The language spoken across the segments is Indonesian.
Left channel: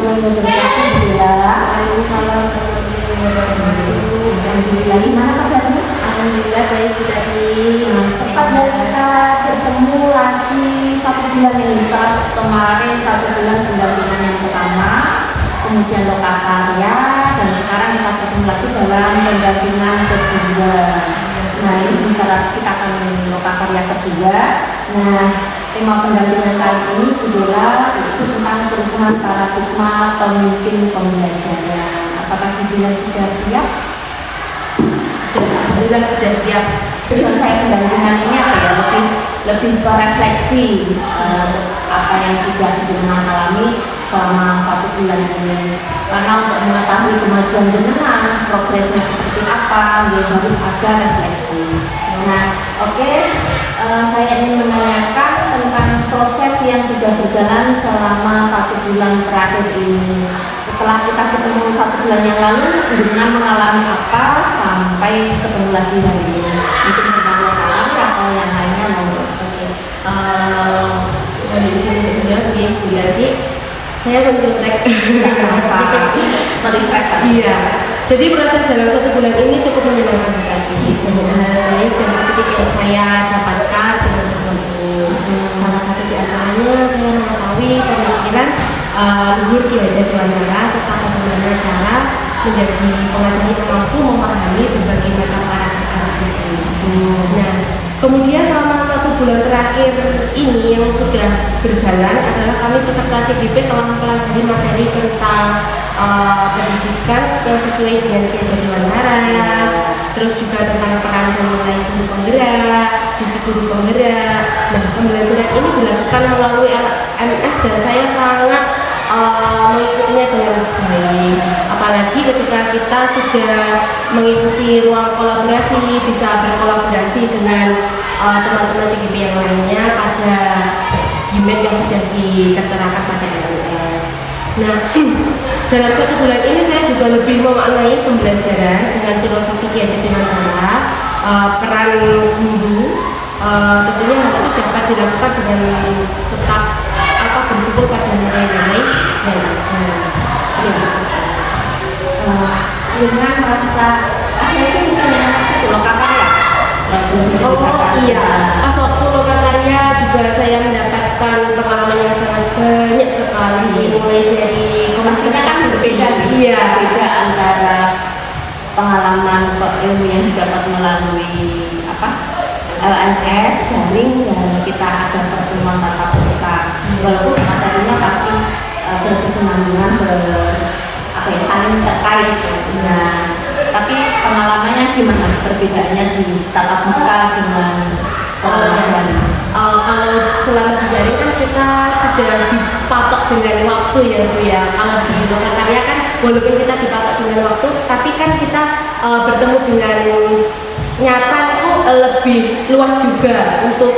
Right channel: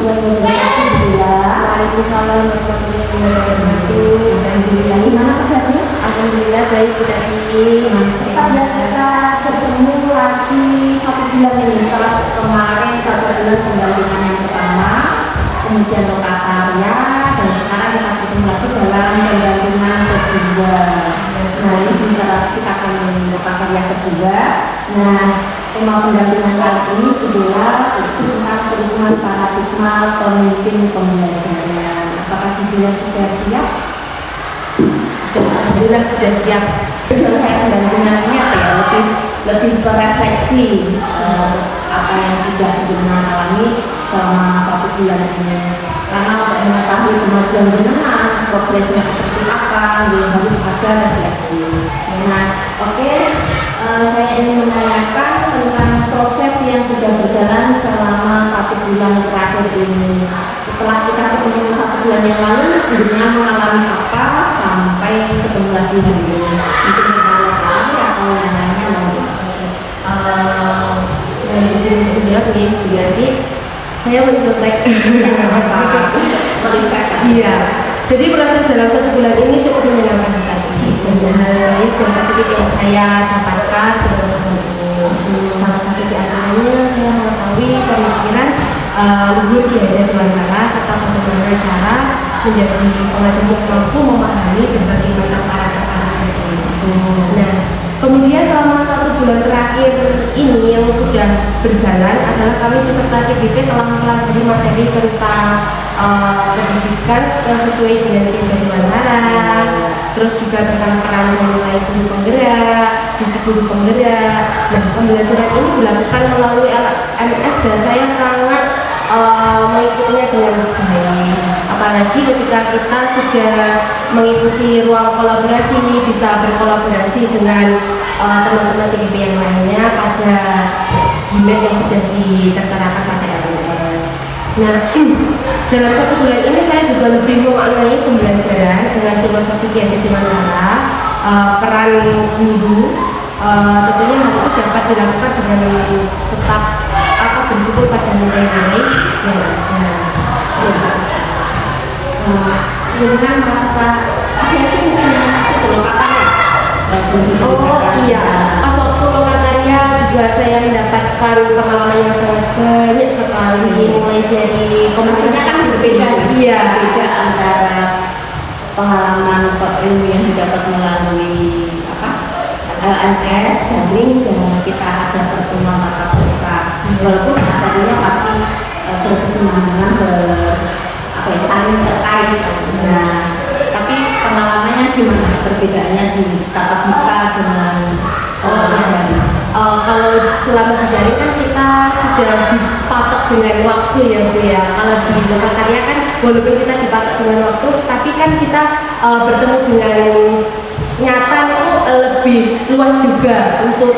warahmatullahi wabarakatuh. Waalaikumsalam warahmatullahi wabarakatuh. Alhamdulillah, gimana kabarnya? Alhamdulillah baik Bu Tati. Setelah kita bertemu lagi 1 bulan ini, setelah kemarin 1 bulan pendampingan yang pertama, kemudian lokakarya, dan sekarang kita bertemu lagi dalam pendampingan kedua. Nah, ini sebentar lagi kita akan lokakarya kedua. Nah, tema pendampingan kali ini adalah itu tentang perubahan paradigma pemimpin pembelajaran. Apakah Bidila sudah siap? Alhamdulillah sudah siap. Tujuan saya pendampingan ini apa ya? Lebih berefleksi apa yang sudah jenengan alami selama 1 bulan ini. Karena untuk mengetahui kemajuan jenengan, progresnya seperti apa, ya harus ada refleksi. Nah, oke. Saya ingin menanyakan tentang proses yang sudah berjalan selama 1 bulan terakhir ini. Setelah kita ketemu 1 bulan yang lalu, jenengan mengalami apa sampai ketemu lagi hari ini? Mungkin yang alami atau yang lainnya mau? Izin menjawab nih, berarti saya mencontek Iya. Jadi proses dalam 1 bulan ini cukup menyenangkan sekali. Banyak hal baik dan positif yang saya dapatkan dalam bertemu. Salah satu di antaranya saya mengetahui pemikiran Luhur Ki Hajar Dewantara serta bagaimana cara menjadi pengajar yang mampu memahami berbagai macam karakter itu. Nah, kemudian selama 1 bulan terakhir ini yang sudah berjalan adalah kami peserta CGP telah mempelajari materi tentang pendidikan yang sesuai dengan Ki Hajar Dewantara, terus juga tentang peran menilai guru penggerak, visi guru penggerak. Nah, pembelajaran ini dilakukan melalui LMS dan saya sangat mengikutinya dengan baik. Apalagi ketika kita sudah mengikuti ruang kolaborasi, bisa berkolaborasi dengan teman-teman CGP yang lainnya pada gimet yang sudah diterterakan pada LMS. Nah, dalam 1 bulan ini saya juga lebih memaknai pembelajaran dengan filosofi Ki Hajar Dewantara, peran guru. Tentunya hal itu dapat dilakukan dengan tetap bersyukur pada nilai-nilai yang ada. Dengan merasa akhirnya itu lokakarya. Oh iya, pas waktu lokakarya juga saya mendapatkan pengalaman yang sangat banyak sekali, mulai dari Maksudnya kan berbeda, beda antara pengalaman ilmu yang didapat melalui LMS, daring, dan kita ada pertemuan tatap muka. Walaupun materinya pasti berkesinambungan, saling terkait. Nah, tapi pengalamannya gimana? Perbedaannya di tatap muka dengan daring. Kalau selama di daring kan kita sudah dipatok dengan waktu ya Bu ya. Kalau di lokakarya kan walaupun kita dipatok dengan waktu, tapi kan kita bertemu dengan nyata itu lebih luas juga untuk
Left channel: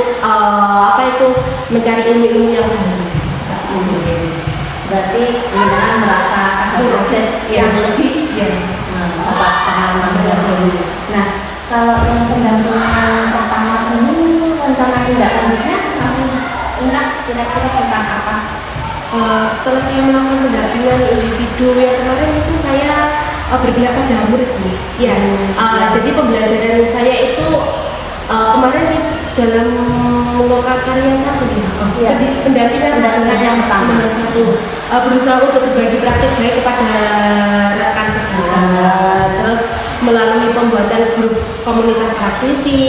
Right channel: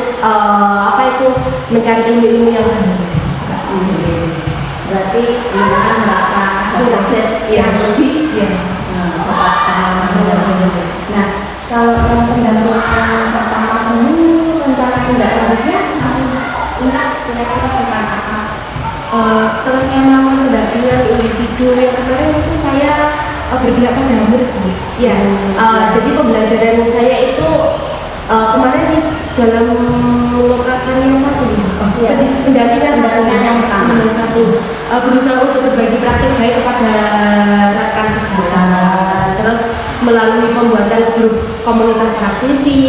mencari ilmu-ilmu yang baru. Berarti dengan merasa ada progres yang lebih dapat pengalaman baru. Nah, kalau yang pendampingan pertama ini rencana tindak lanjutnya masih ingat kira-kira tentang apa? Setelah saya melakukan pendampingan individu yang kemarin itu saya berpihak pada murid Bu. Ya, jadi pembelajaran saya itu kemarin dalam lokakarya 1 pendampingan yang pertama berusaha untuk berbagi praktik baik kepada rekan sejawat, terus melalui pembuatan grup komunitas praktisi,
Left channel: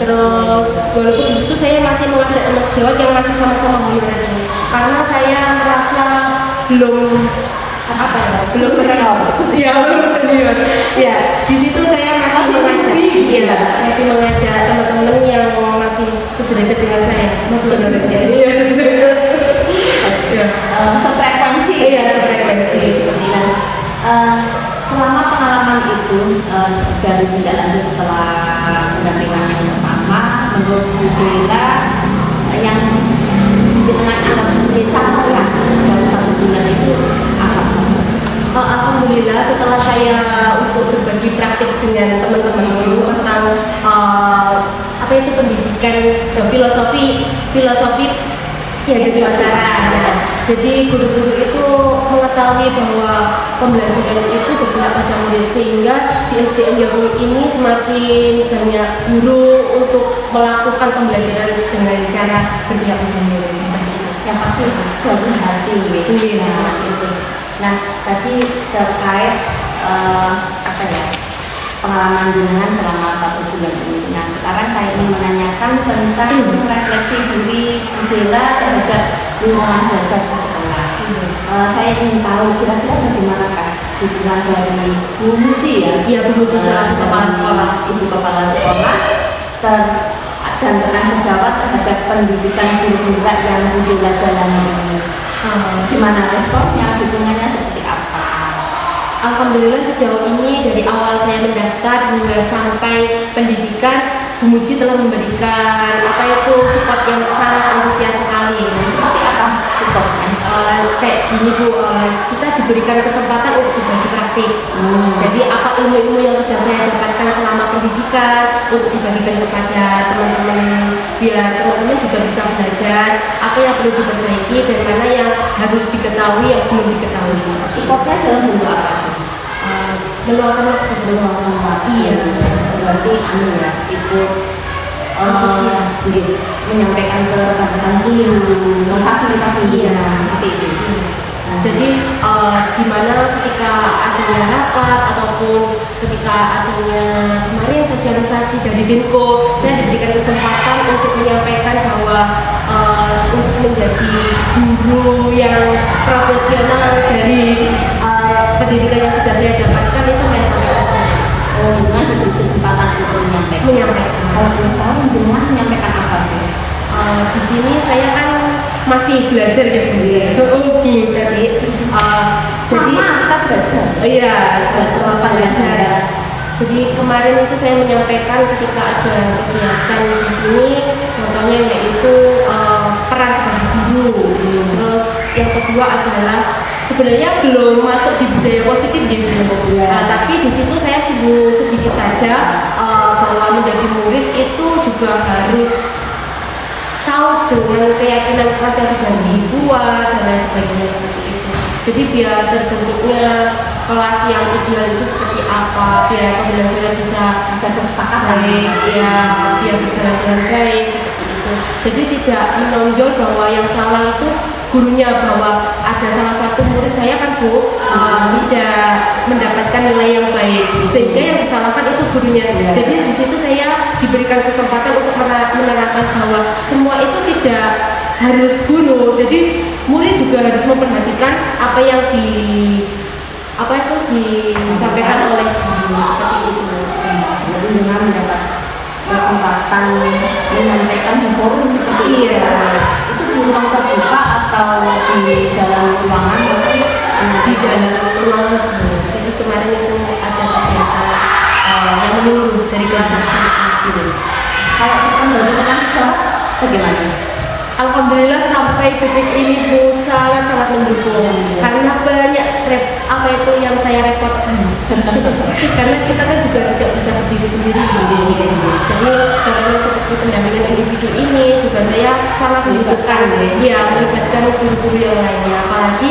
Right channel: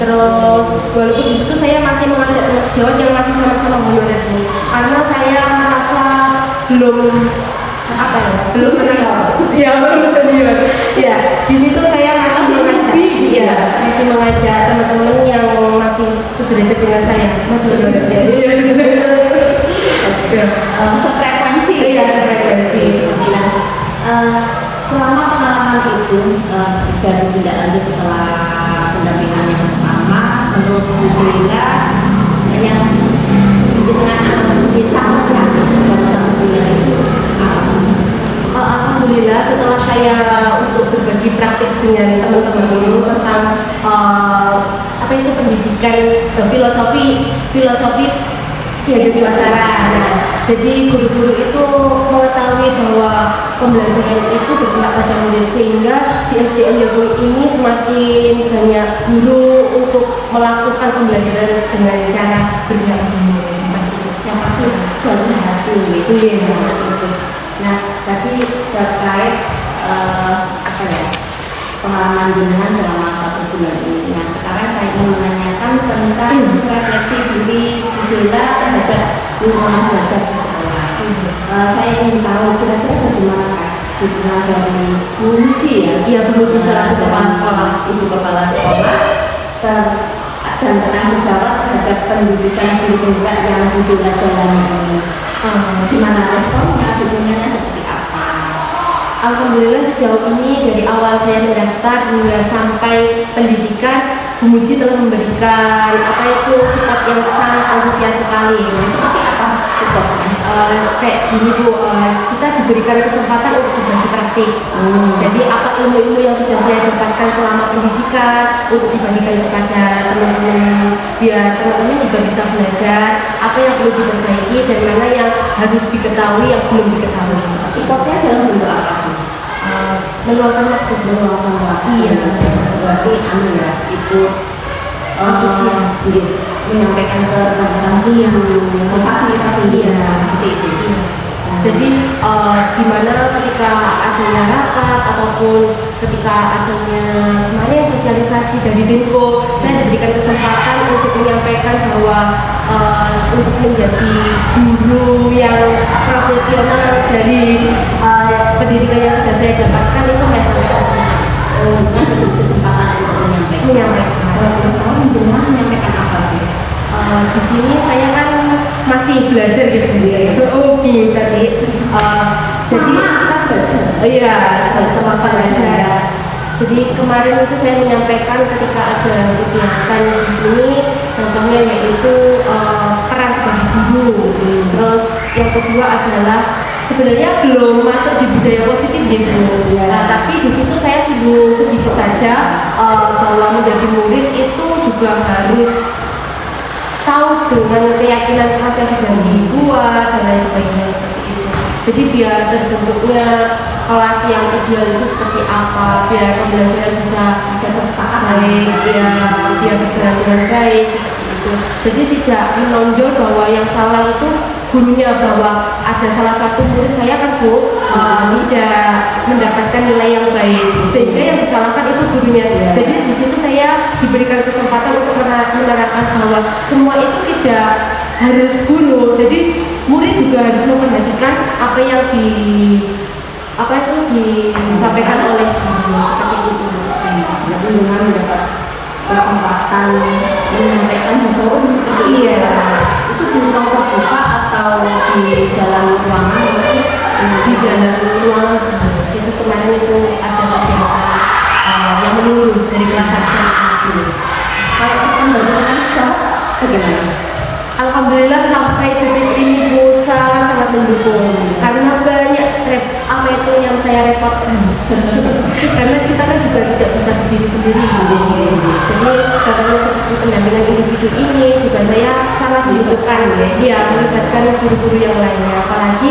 terus walaupun di situ saya masih mengajak teman sejawat yang masih sama-sama honorer ini, karena saya merasa belum senior. Ya, di situ saya masih mengajak teman-teman yang masih sederajat dengan saya, masih sederajat. Sefrekuensi. Iya, sefrekuensi. Seperti itu. Selama pengalaman itu dari tindak lanjut setelah pendampingan yang pertama, menurut Bu Bella yang dengan analisis capaian dalam 1 bulan itu apa? Alhamdulillah setelah saya untuk berbagi praktik dengan teman-teman tentang apa itu pendidikan filosofi Ki Hajar Dewantara. Nah, Jadi guru-guru itu mengetahui bahwa pembelajaran itu berpihak pada murid, sehingga di SDN Jokowi ini semakin banyak guru untuk melakukan pembelajaran dengan cara berpihak pada murid seperti itu. Yang pasti dari hati Iya. itu. Nah, tadi terkait apa ya, pengalaman jenengan selama 1 bulan ini. Nah, sekarang saya ingin menanyakan tentang refleksi diri Bella terhadap lingkungan belajar di sekolah. Saya ingin tahu kira-kira bagaimanakah hubungan dari Bu Muji ya? Iya, Bu Muji selaku kepala sekolah, ibu kepala sekolah, dan penanggung jawab terhadap pendidikan guru Bella yang Bu Bella jalani ini. Gimana responnya, dukungannya seperti apa? Alhamdulillah sejauh ini dari awal saya mendaftar hingga sampai pendidikan, Bu Muji telah memberikan support yang sangat antusias sekali. Seperti apa supportnya? Kayak gini Bu, kita diberikan kesempatan untuk berbagi praktik. Jadi apa ilmu-ilmu yang sudah saya dapatkan selama pendidikan untuk dibagikan kepada teman-teman, biar teman-teman juga bisa belajar apa yang perlu diperbaiki dan mana yang harus diketahui yang belum diketahui. Supportnya dalam bentuk apa? Meluangkan waktu. Iya. Berarti ya, itu Antusias. menyampaikan ke rekan-rekan memfasilitasi seperti itu. Jadi di mana ketika adanya rapat ataupun ketika adanya kemarin sosialisasi dari Dinko, saya diberikan kesempatan untuk menyampaikan bahwa untuk menjadi guru yang profesional dari pendidikan yang sudah saya dapatkan itu saya sampaikan. Bukan kesempatan untuk menyampaikan. Kalau belum tahu menjelaskan menyampaikan apa sih? Di sini saya kan masih belajar gitu ya. Tadi. Jadi kita belajar. Iya, sama belajar. Jadi kemarin itu saya menyampaikan ketika ada kegiatan di sini, contohnya yaitu peran sebagai guru. Terus yang kedua adalah sebenarnya belum masuk di budaya positif gitu. Tapi di situ saya singgung sedikit saja bahwa menjadi murid itu juga harus tahu dengan keyakinan keras yang sudah dibuat dan lain sebagainya seperti itu. Jadi biar terbentuknya kelas yang ideal itu seperti apa, biar pembelajaran bisa kesepakatan baik, biar berjalan dengan baik seperti itu. Jadi tidak menonjol bahwa yang salah itu gurunya, bahwa ada salah satu murid saya kan Bu tidak mendapatkan nilai yang baik sehingga yang disalahkan itu gurunya. Jadi di situ saya diberikan kesempatan untuk menerangkan bahwa semua itu tidak harus guru, jadi murid juga harus memperhatikan apa yang disampaikan oleh guru seperti itu. Jadi dengan mendapat kesempatan menyampaikan di forum seperti itu di ruang terbuka atau di dalam ruangan mungkin di dalam ruangan. Jadi kemarin itu ada kegiatan yang menurun dari kelas 1 sampai kelas 2. Kalau respon dari teman sejawat bagaimana? Alhamdulillah sampai detik ini Bu sangat mendukung karena banyak yang saya repotkan karena kita kan juga tidak bisa berdiri sendiri jadi karena seperti pendampingan individu ini juga saya sangat membutuhkan melibatkan guru-guru yang lainnya, apalagi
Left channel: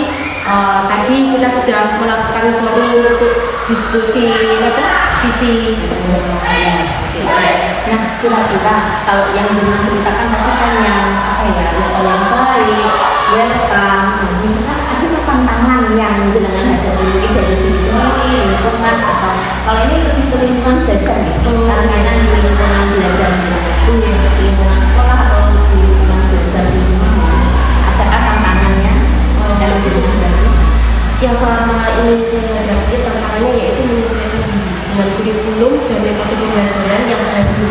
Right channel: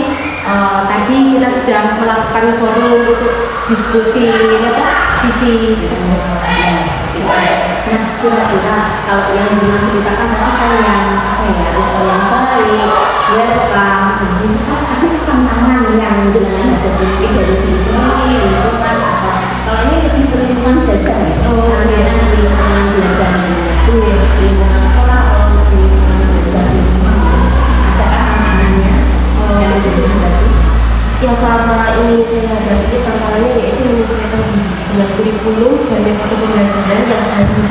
tadi kita sudah melakukan forum untuk diskusi visi semua. Nah, kira-kira kalau yang diceritakan tadi kan yang respon yang baik, welcome. Misalkan ada tantangan yang jenengan hadapi mungkin dari diri sendiri, lingkungan atau kalau ini lebih ke lingkungan belajar, tantangan di lingkungan belajar, lingkungan sekolah atau di lingkungan belajar di rumah. Adakah tantangannya dari jenengan tadi? Yang selama ini saya hadapi tantangannya yaitu menyesuaikan dengan kurikulum dan metode pembelajaran yang baru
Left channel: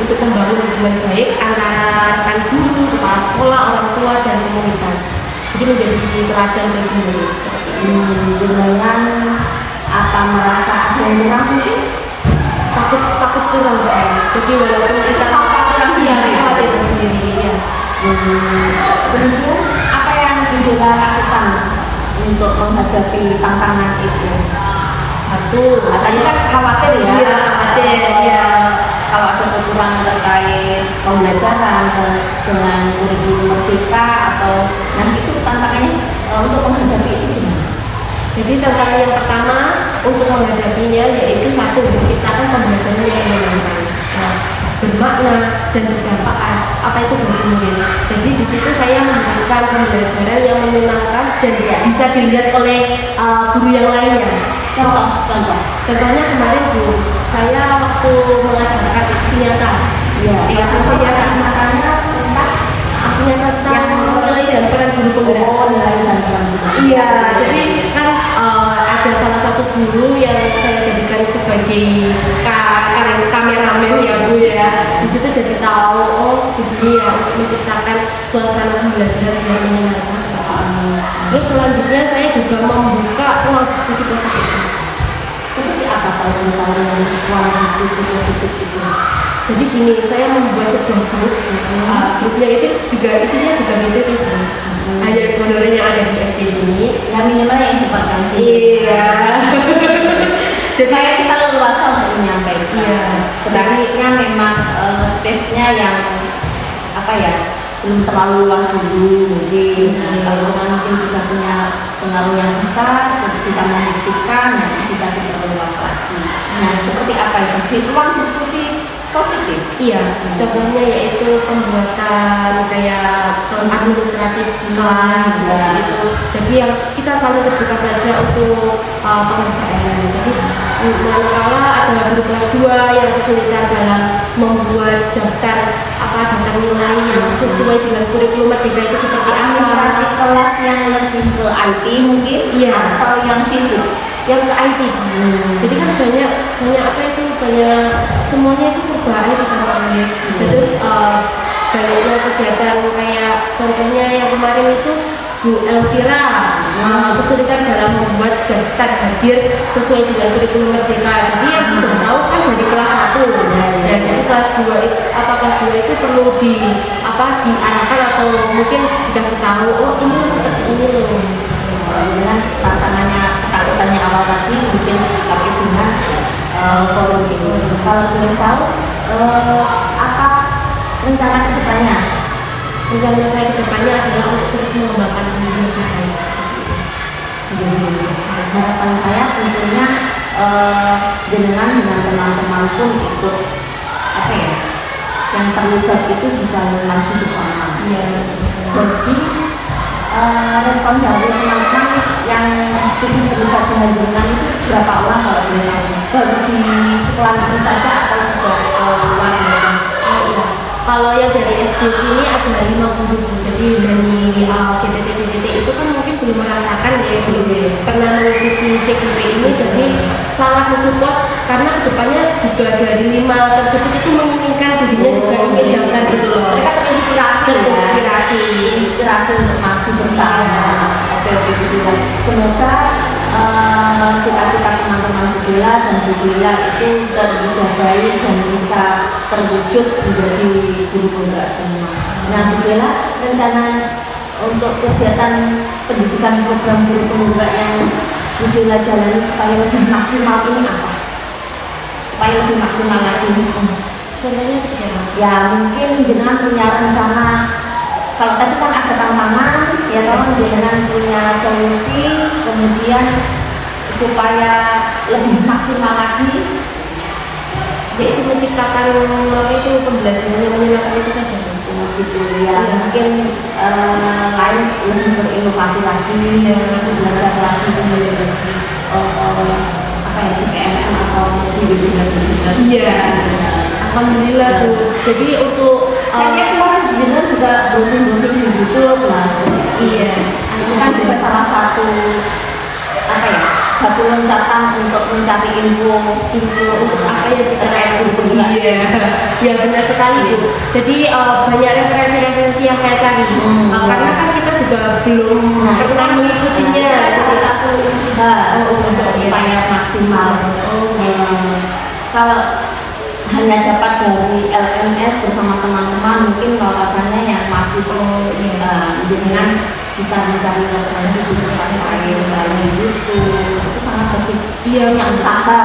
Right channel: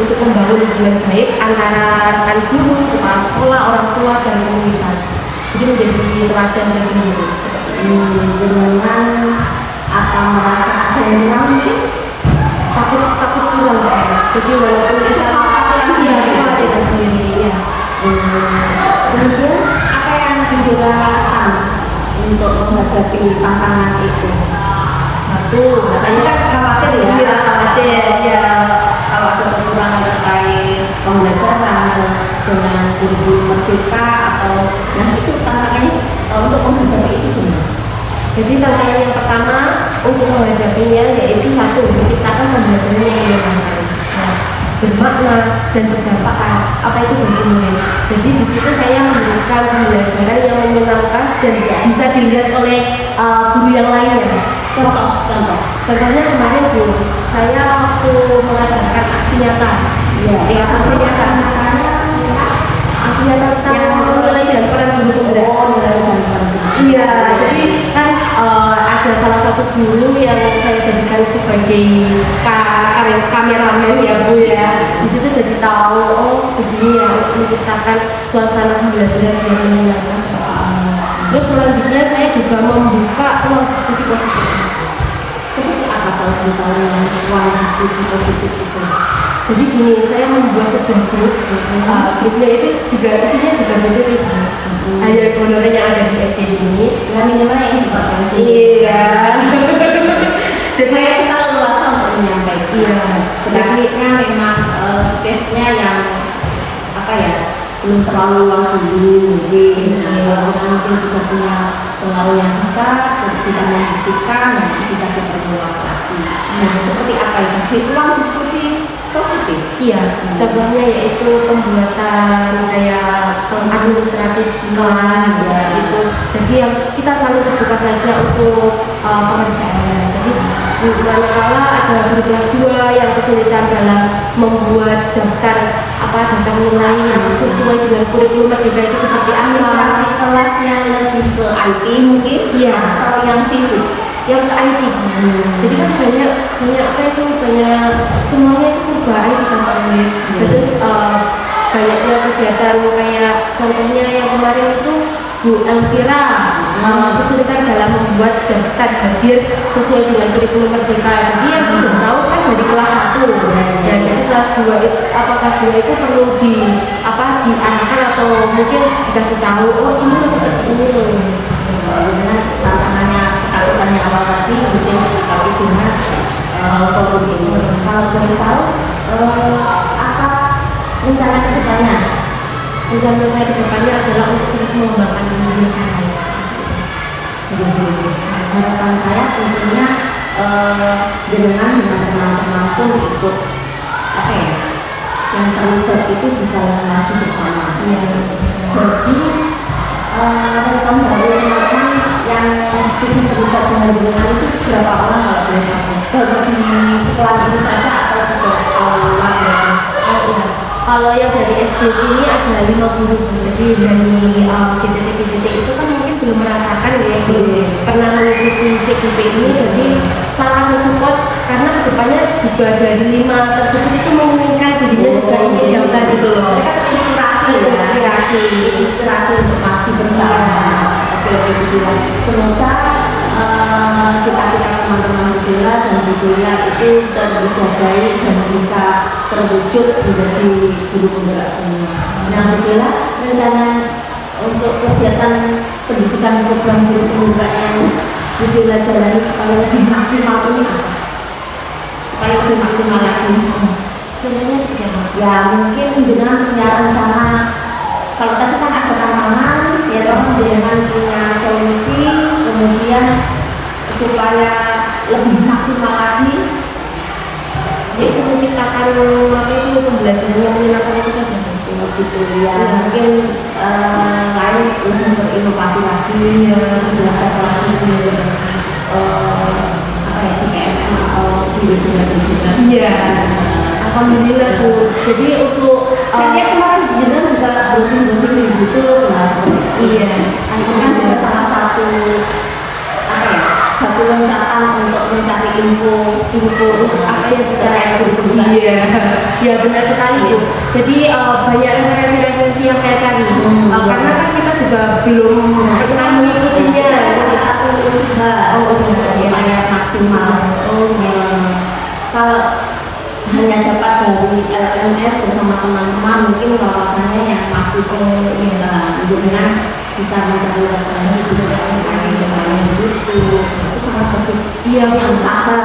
untuk membangun hubungan baik antara rekan guru, kepala sekolah, orang tua, dan komunitas. Jadi menjadi teladan bagi murid seperti ini. Dengan apa merasa ada yang kurang mungkin? Takut kurang kan. Jadi walaupun kita khawatiran sendiri ya. Kemudian apa yang Bella lakukan untuk menghadapi tantangan itu? Satu, rasanya kan khawatir kalau ada kekurangan terkait pembelajaran dengan guru-guru merdeka atau itu tantangannya Jadi tantangan yang pertama untuk menghadapinya yaitu satu, menciptakan pembelajaran yang menyenangkan, bermakna dan berdampak. Apa itu bagi murid? Jadi di situ saya memberikan pembelajaran yang menyenangkan dan bisa dilihat oleh guru yang lainnya. Contohnya kemarin Bu, saya waktu mengadakan aksi nyata. Iya. Aksi nyata. Aksi nyata tentang nilai dan peran guru penggerak. Nilai dan peran guru. Iya, jadi kan ada salah satu guru yang saya jadikan sebagai kameramen ya Bu ya. Di situ jadi tahu oh begini ya untuk menciptakan suasana pembelajaran yang menyenangkan seperti ini. Terus selanjutnya saya juga membuka ruang diskusi positif. Seperti apa kalau kamu tahu ruang diskusi positif itu? Jadi gini, saya membuat sebuah grup. Grupnya itu juga isinya juga BTT. Hanya honorer yang ada di SD sini. Ya minimal yang seperti Iya. Supaya kita leluasa untuk menyampaikan. Iya. Tetapi kan memang space-nya yang apa ya, belum terlalu luas dulu mungkin. Kalau mungkin sudah punya pengaruh yang besar, bisa membuktikan, nanti bisa diperluas lagi. Nah, seperti apa itu? Di ruang diskusi positif. Iya, contohnya yaitu pembuatan kayak administratif kelas itu. Jadi yang kita selalu terbuka saja untuk pengerjaannya. Jadi manakala ada guru kelas 2 yang kesulitan dalam membuat daftar nilai yang sesuai dengan kurikulum Merdeka itu seperti Administrasi apa? kelas yang lebih ke IT mungkin, Iya. atau yang fisik. Yang ke IT. Jadi kan banyak semuanya itu serba IT kan. Terus banyaknya kegiatan kayak contohnya yang kemarin itu Bu Elvira kesulitan dalam membuat daftar hadir sesuai dengan kurikulum Merdeka. Jadi yang sudah tahu kan dari kelas 1. Ya, jadi kelas 2 itu perlu diarahkan atau mungkin dikasih tahu oh ini loh seperti ini loh. Dengan tantangannya, ketakutannya awal tadi mungkin disikapi dengan forum ini. Kalau boleh tahu apa rencana kedepannya? Rencana saya kedepannya adalah untuk terus mengembangkan dunia bahaya. Harapan saya tentunya jenengan dengan teman-teman pun ikut apa ya, yang terlibat itu bisa maju bersama. Ya, Jadi respon dari teman-teman yang sudah terlibat dengan jenengan itu berapa orang kalau boleh tahu? Baru di sekolah ini saja atau sudah keluar? iya. Kalau yang dari SD sini ada 5 guru, jadi dari GTT itu kan mungkin belum merasakan ya, belum pernah mengikuti CGP ini, jadi sangat mensupport karena kedepannya juga dari 5 tersebut itu menginginkan dirinya juga ingin daftar gitu loh. Mereka terinspirasi untuk maju bersama. Oke, begitu. Semoga cita-cita teman-teman Budela dan Budela itu terjaga dan bisa terwujud menjadi guru penggerak semua. Nah, Budela, rencana untuk kegiatan pendidikan program guru penggerak yang Budela jalani supaya lebih maksimal ini apa? Supaya lebih maksimal lagi. Contohnya seperti apa? Ya mungkin jenengan punya rencana. Kalau tadi kan ada tantangan, ya kalau jenengan punya solusi, kemudian supaya lebih maksimal lagi, yaitu menciptakan pembelajaran yang menyenangkan itu saja. Gitu ya. Mungkin lain lebih berinovasi lagi, belajar lagi di PMM atau di webinar. Iya. Alhamdulillah tuh. Jadi untuk saya kemarin jenengan juga browsing di YouTube, nah seperti itu. Iya. Itu kan juga salah satu batu loncatan untuk mencari info untuk apa yang kita lakukan. Iya, ya benar sekali Bu. Jadi banyak referensi yang saya cari karena kan kita juga belum pernah mengikutinya. Salah satu usaha supaya maksimal. Kalau hanya dapat dari LMS bersama teman-teman, mungkin wawasannya yang masih dengan bisa mencari referensi di YouTube, itu sangat bagus. Iya, yang usaha.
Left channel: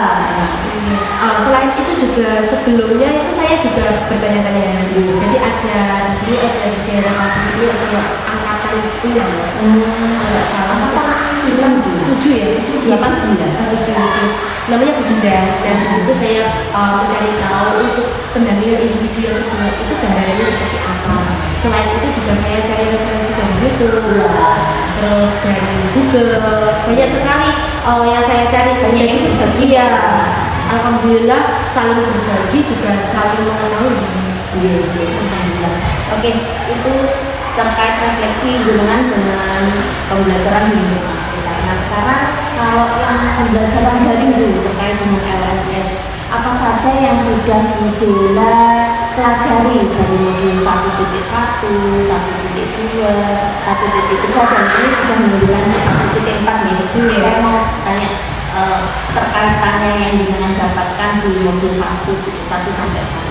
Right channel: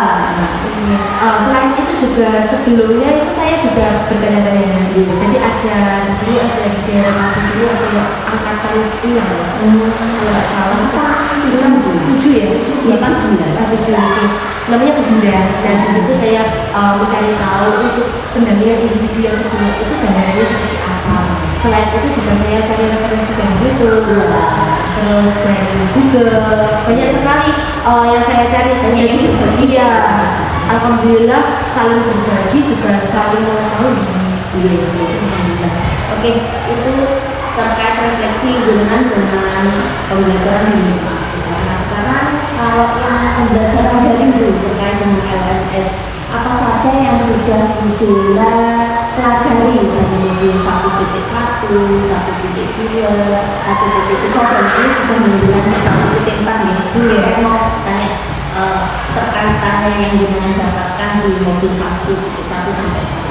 Selain itu juga sebelumnya itu saya juga bertanya-tanya. Jadi ada di sini ada di daerah di sini ada angkatan 16 kalau nggak salah. Tujuh ya, 7 namanya Bunda. Dan di situ saya mencari tahu untuk pendampingan individu yang kedua itu gambarannya seperti apa. Selain itu juga saya cari referensi dari YouTube, terus dari Google, banyak sekali yang saya cari. Jadi iya, alhamdulillah saling berbagi juga saling mengetahui. Alhamdulillah. Oke, itu terkait refleksi jenengan dengan pembelajaran di rumah sekitar. Nah sekarang kalau yang pembelajaran dari itu terkait dengan LMS, apa saja yang sudah Budela pelajari dari modul 1.1, 1.2, 1.3 dan ini sudah menjelang ke 1.4 nih. Saya mau tanya terkaitannya yang jenengan dapatkan di modul 1 sampai 1.3.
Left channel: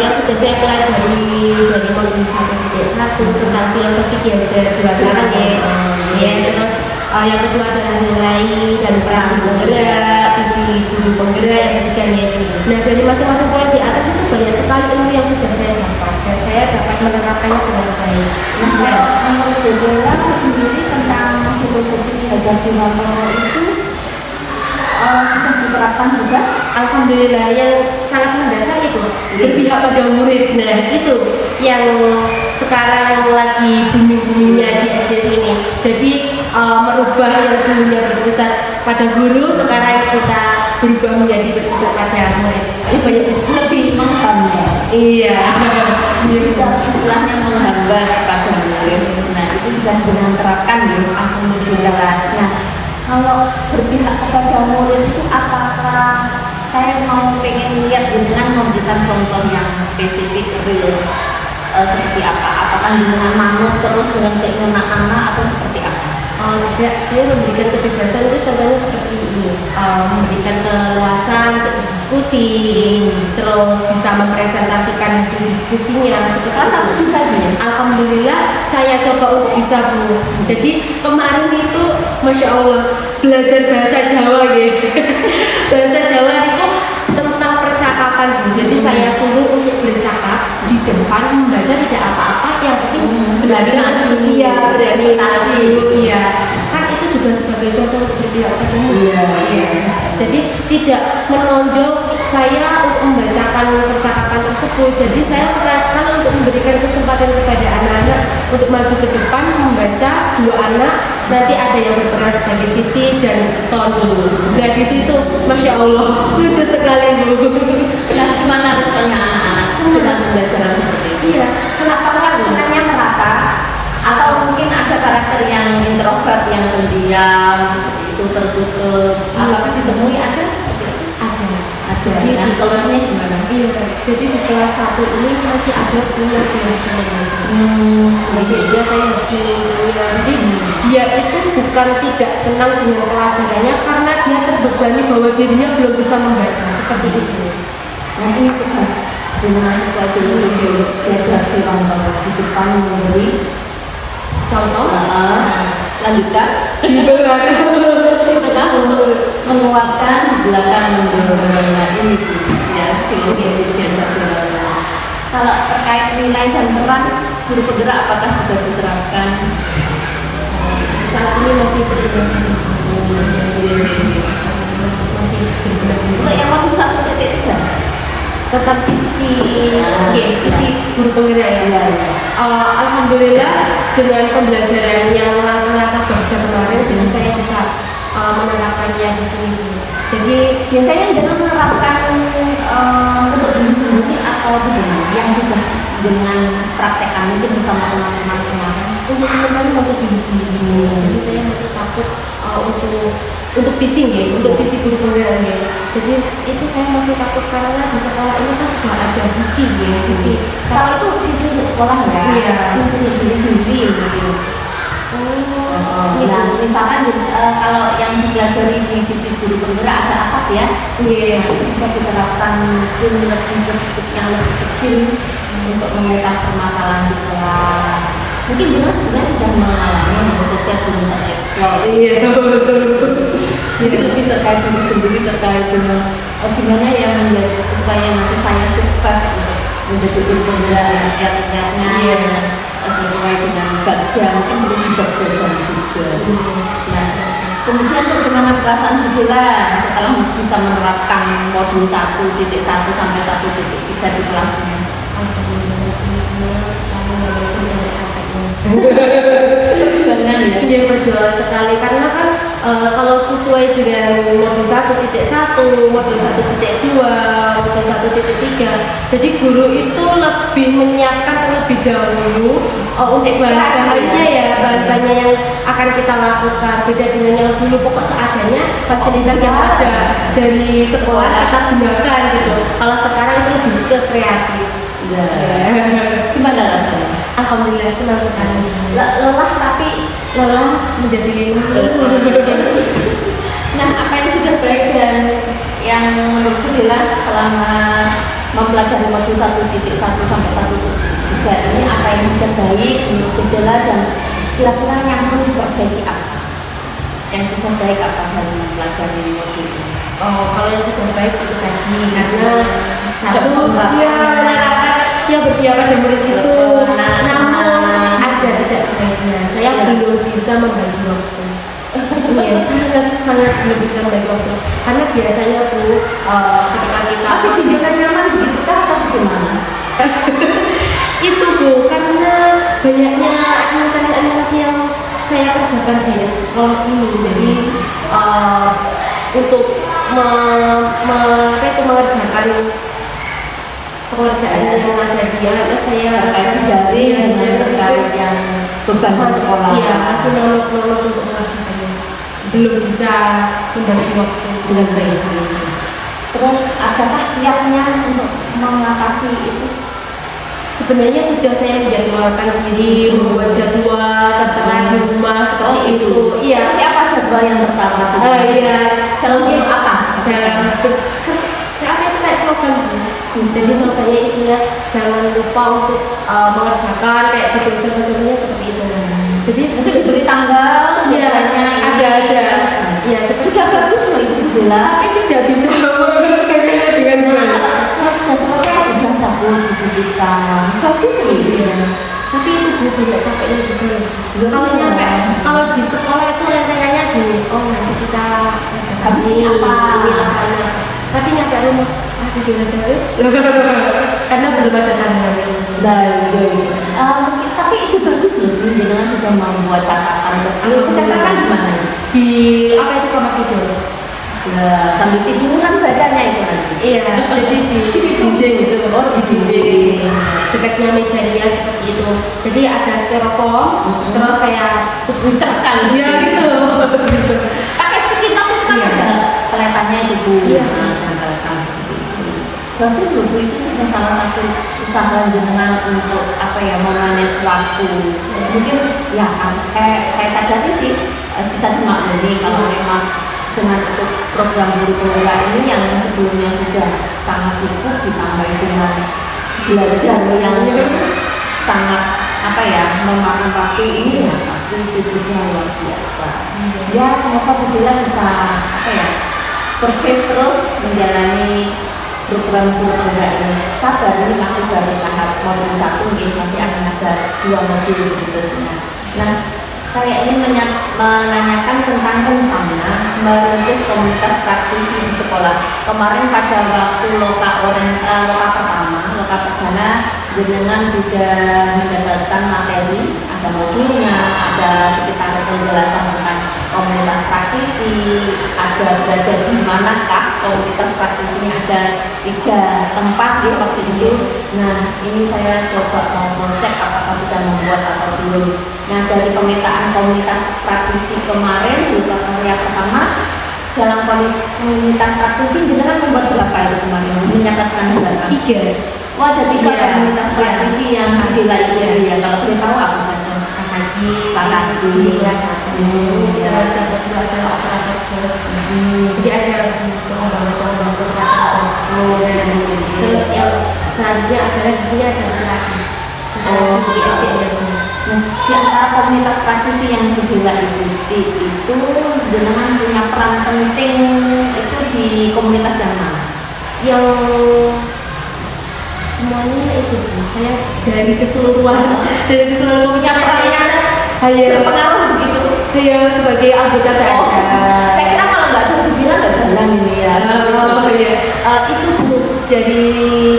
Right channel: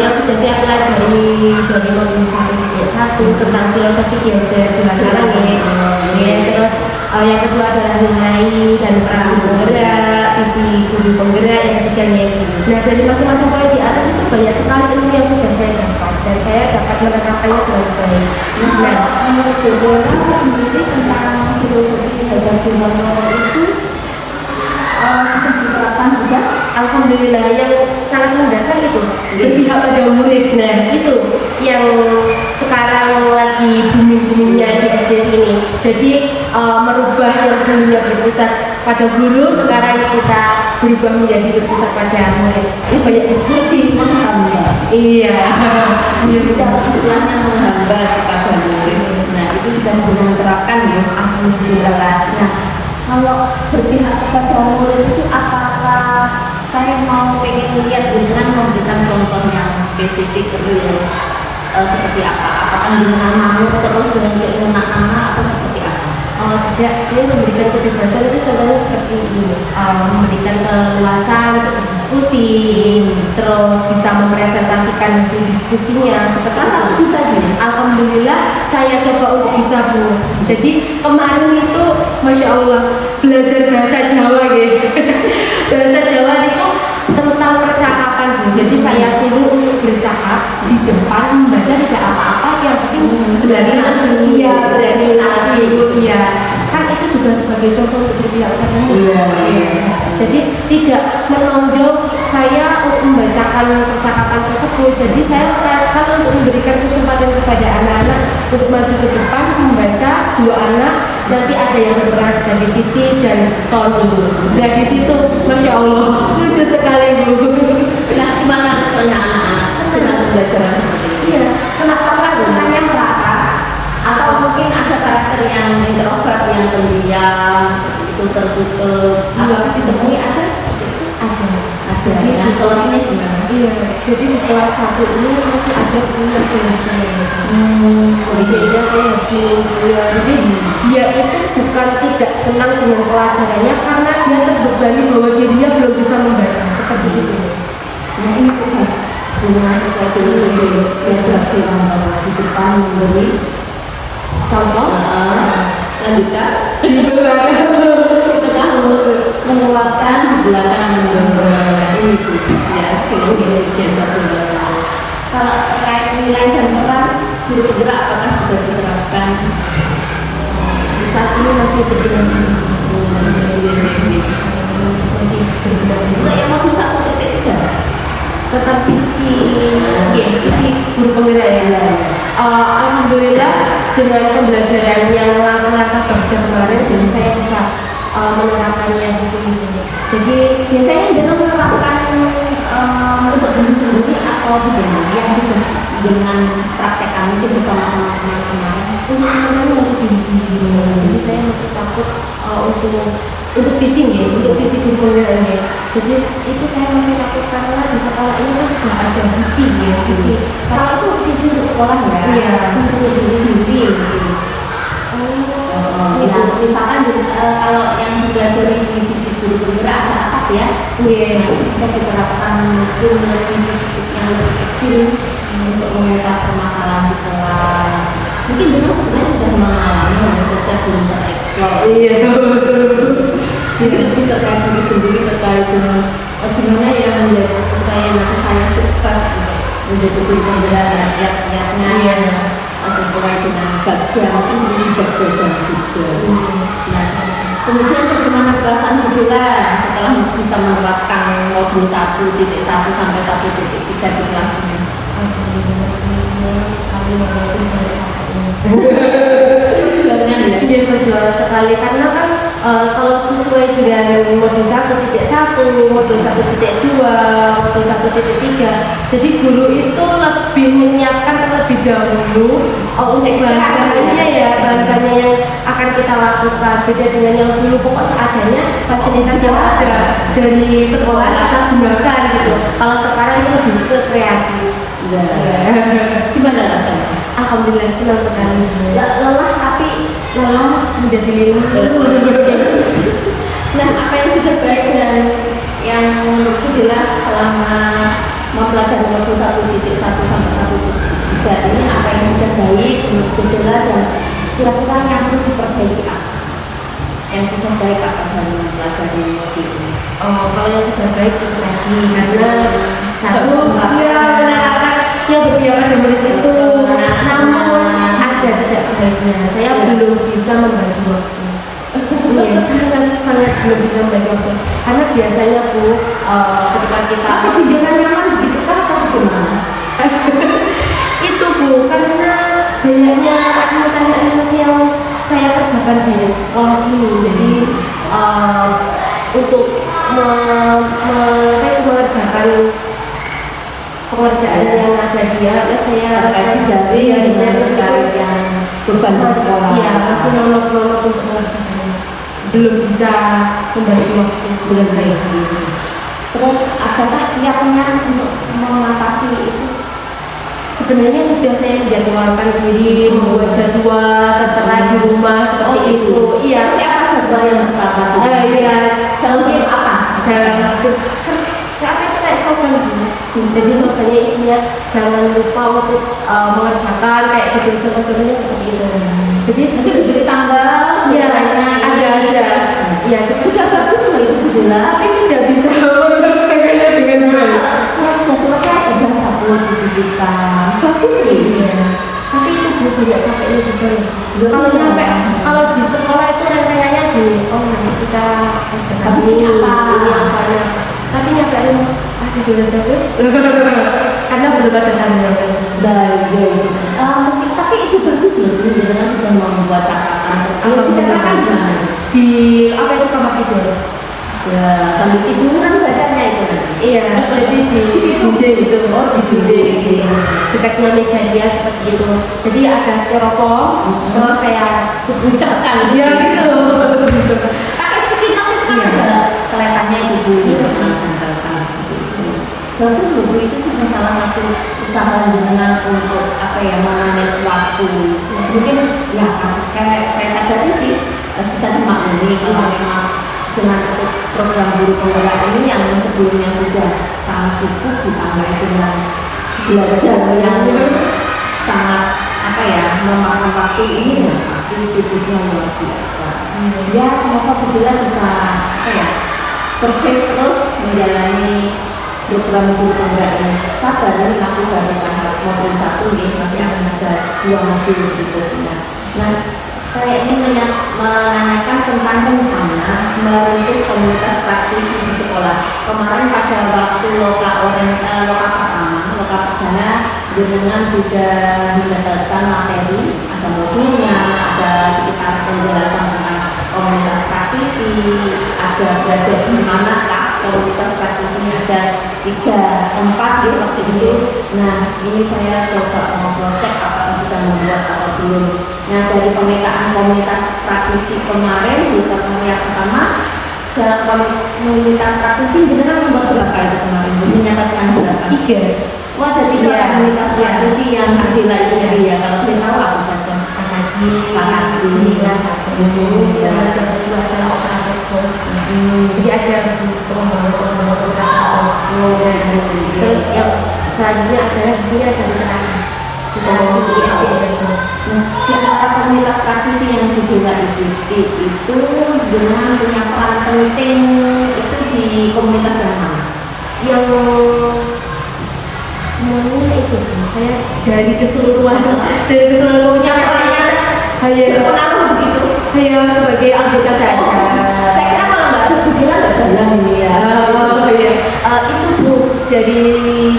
Yang sudah saya pelajari dari modul 1.1 tentang filosofi belajar dua karang ya. Terus yang kedua adalah nilai dan peran guru penggerak, visi guru penggerak, yang ketiga ya. Nah dari masing-masing poin di atas itu banyak sekali ilmu yang sudah saya dapat dan saya dapat menerapkannya dengan baik. Nah, menurut Budela sendiri tentang filosofi belajar di Mandoro itu sudah diterapkan juga? Alhamdulillah, yang sangat mendasar itu berpihak pada murid. Nah itu yang sekarang lagi booming-boomingnya di SD ini. Jadi merubah yang dulunya berpusat pada guru, sekarang kita berubah menjadi berpusat pada murid. Ini banyak diskusi, Menghamba. iya. Istilahnya menghamba kepada murid. Nah itu sudah diterapkan ya. Alhamdulillah. Nah kalau berpihak kepada murid itu apakah saya mau pengen lihat dengan memberikan contoh yang spesifik real seperti apa? Apakah dengan manut terus dengan keinginan anak atau seperti apa? Tidak, saya memberikan kebebasan itu contohnya seperti ini, memberikan keleluasan untuk berdiskusi, terus bisa mempresentasikan hasil diskusinya seperti Satu bisa dia. Alhamdulillah saya coba untuk bisa Bu. Jadi kemarin itu Masya Allah belajar bahasa Jawa gitu. Bahasa Jawa itu tentang percakapan Bu. Jadi saya suruh untuk bercakap di depan, membaca tidak apa-apa, yang penting belajar iya, berani maju, iya. Kan itu juga sebagai contoh untuk berpihak kepada Iya. Jadi tidak menonjol saya untuk membacakan percakapan tersebut. Jadi saya sekali untuk memberikan kesempatan kepada anak-anak untuk maju ke depan membaca dua anak. Nanti ada yang berperan sebagai Siti dan Tony. Dan di situ, Masya Allah, lucu sekali Bu. Nah, gimana responnya anak-anak sedang belajar seperti itu? Iya, senangnya merata. Atau mungkin ada karakter yang introvert, yang pendiam, seperti itu tertutup. Apakah ditemui ada seperti itu? Ada. Jadi nah, solusinya gimana? Iya, jadi di kelas 1 ini masih ada punya dari semuanya. Sehingga saya harus mengulang. Jadi dia itu bukan tidak senang dengan pelajarannya karena dia terbebani bahwa dirinya belum bisa membaca seperti itu. Nah ini tugas dengan sesuai filosofi belajar di depan memberi Contoh, lanjutkan di belakang tengah menguatkan, di belakang mendorong. Nah ini ya filosofi belajar di Mandoro. Kalau terkait nilai dan peran guru penggerak apakah sudah diterapkan? saat ini masih berguna. Masih berguna. Untuk yang modul 1.3 Tetap visi, visi guru penggerak ya. Alhamdulillah dengan pembelajaran yang langkah-langkah baca kemarin, jadi saya bisa menerapkannya di sini. Jadi biasanya dalam menerapkan untuk diri sendiri atau bagaimana yang sudah dengan praktekkan mungkin bersama teman-teman kemarin. untuk sementara masih diri sendiri. Jadi saya masih takut untuk visi ya, untuk visi guru penggerak ya. Jadi itu saya masih takut karena di sekolah ini tuh sudah ada visi ya, visi. Kalau itu visi untuk sekolah ya, Iya. visi untuk diri sendiri gitu. Nah, misalkan kalau yang dipelajari di visi guru penggerak ada akad ya, Iya. nah, itu bisa diterapkan mungkin lebih ke skop yang lebih kecil untuk mengentas permasalahan di kelas. Mungkin Dino sebenarnya sudah mengalami sejak belum tereksplor. Iya. Jadi lebih terkait diri sendiri, terkait dengan gimana yang menjadi supaya nanti saya sukses untuk menjadi guru penggerak rakyatnya. sesuai dengan baja, mungkin menjadi baja dan juga. Nah, kemudian bagaimana perasaan Bu Bella setelah bisa menerapkan modul 1.1 sampai 1.3 di kelasnya? Perjuangan ya? Dia perjuangan sekali karena kan kalau sesuai dengan modul 1.1, modul 1.2, modul 1.3, jadi guru itu lebih menyiapkan terlebih dahulu untuk bahan-bahannya ya, bahan-bahannya yang akan kita lakukan. Beda dengan yang dulu pokok seadanya, fasilitas yang ada dari sekolah kita gunakan gitu. Kalau sekarang itu lebih ke kreatif. Gimana rasanya? Alhamdulillah senang sekali. Lelah tapi Lelah menjadi lilin. Nah, apa yang sudah baik dan yang menurut Bu Bella selama mempelajari modul 1.1 sampai 1.3 ini, apa yang sudah baik menurut Bu Bella dan kira-kira yang perlu diperbaiki apa? Yang sudah baik apa dari mempelajari modul ini? Oh, kalau yang sudah baik itu tadi karena Sudah satu sembah. dia menanyakan yang berbicara pada murid itu, namun ada tidak baiknya. Saya belum bisa membagi waktu. Iya, sangat belum bisa membagi waktu. Karena biasanya Bu, ketika kita Masih dibilang nyaman begitu kan atau bagaimana? itu Bu, karena banyaknya administrasi yang saya kerjakan di sekolah ini. Jadi untuk mengerjakan pekerjaan yang ada dia, saya dari terkait yang beban di sekolah. Iya, masih nolok-nolok untuk mengerjakannya. Belum bisa membagi waktu dengan baik. Terus adakah kiatnya untuk mengatasi itu? Sebenarnya sudah saya menjadwalkan diri, membuat jadwal tertera di rumah seperti itu. Iya. Seperti apa jadwal yang tertera? Iya. Dalam bentuk apa? Dalam kan saya itu kayak slogan Bu. Jadi slogannya isinya jangan lupa untuk mengerjakan kayak gitu, contoh-contohnya seperti itu. Jadi Itu diberi tanggal, Iya, ada. Iya, sudah bagus loh itu Bu Bella. tapi tidak bisa mengerjakannya dengan baik. Kalau sudah selesai, udah cabut, disisihkan. Bagus loh. Iya. Tapi itu Bu banyak capeknya juga loh. Iya. Kalau nyampe, kalau di sekolah itu rencananya nanti kita kerjakan Habis ini apa? apa. Tapi nyampe rumah, tidur aja terus. Karena belum ada tanggalnya. Mungkin tapi itu bagus loh, Bu. Jangan sudah membuat catatan kecil. Kita kan gimana? Di apa itu kamar tidur? Ya, sambil tiduran bacanya itu nanti. Iya, jadi di dinding gitu. Oh, di dinding. Dekatnya meja dia seperti itu. Jadi ada styrofoam, terus saya Ucapkan ya gitu. pakai sticky note itu kan Iya. ada kelihatannya itu Bu. Iya. Tempelkan seperti itu. Bagus loh Bu, itu sudah salah satu usaha jenengan untuk apa ya, memanage waktu. Mungkin ya saya sadari sih bisa dimaklumi kalau memang dengan ikut program guru penggerak ini yang sebelumnya sudah sangat sibuk ditambah dengan belajar yang sangat apa ya, memakan waktu ini ya pasti sibuknya luar biasa. Ya semoga Bu Bella bisa apa ya, survive terus menjalani program guru penggerak ini. Sabar, ini masih baru tahap modul 1 nih, masih akan ada 2 modul berikutnya. Nah, saya ingin menanyakan tentang rencana merintis komunitas praktisi di sekolah. Kemarin pada waktu loka pertama, loka perdana, jenengan sudah mendapatkan materi, ada modulnya, ada sekitar penjelasan tentang komunitas praktisi, ada belajar di manakah komunitas praktisi ini, ada 3 tempat ya waktu itu. Nah, ini saya coba mau cross-check apakah sudah membuat atau belum. Nah, dari pemetaan komunitas praktisi kemarin di pertemuan pertama, dalam komunitas praktisi jenengan membuat berapa itu kemarin? Menyatakan berapa? 3. Wah, ada 3 Iya. komunitas praktisi yang Adela ikuti ya. Kalau boleh tahu apa saja? Kakaki, ya satu. Terus yang kedua adalah operator pos. Jadi ada pengembangan terus yang selanjutnya adalah di sini ada literasi. Literasi di SDM. Nah, di antara komunitas praktisi yang Adela ikuti itu jenengan punya peran penting itu di komunitas yang mana? Yang semuanya itu saya dari keseluruhan komunitas saya hanya Berpengaruh begitu. sebagai anggota saja. Saya kira kalau nggak ada pikiran nggak jalan ini ya. Itu Bu, dari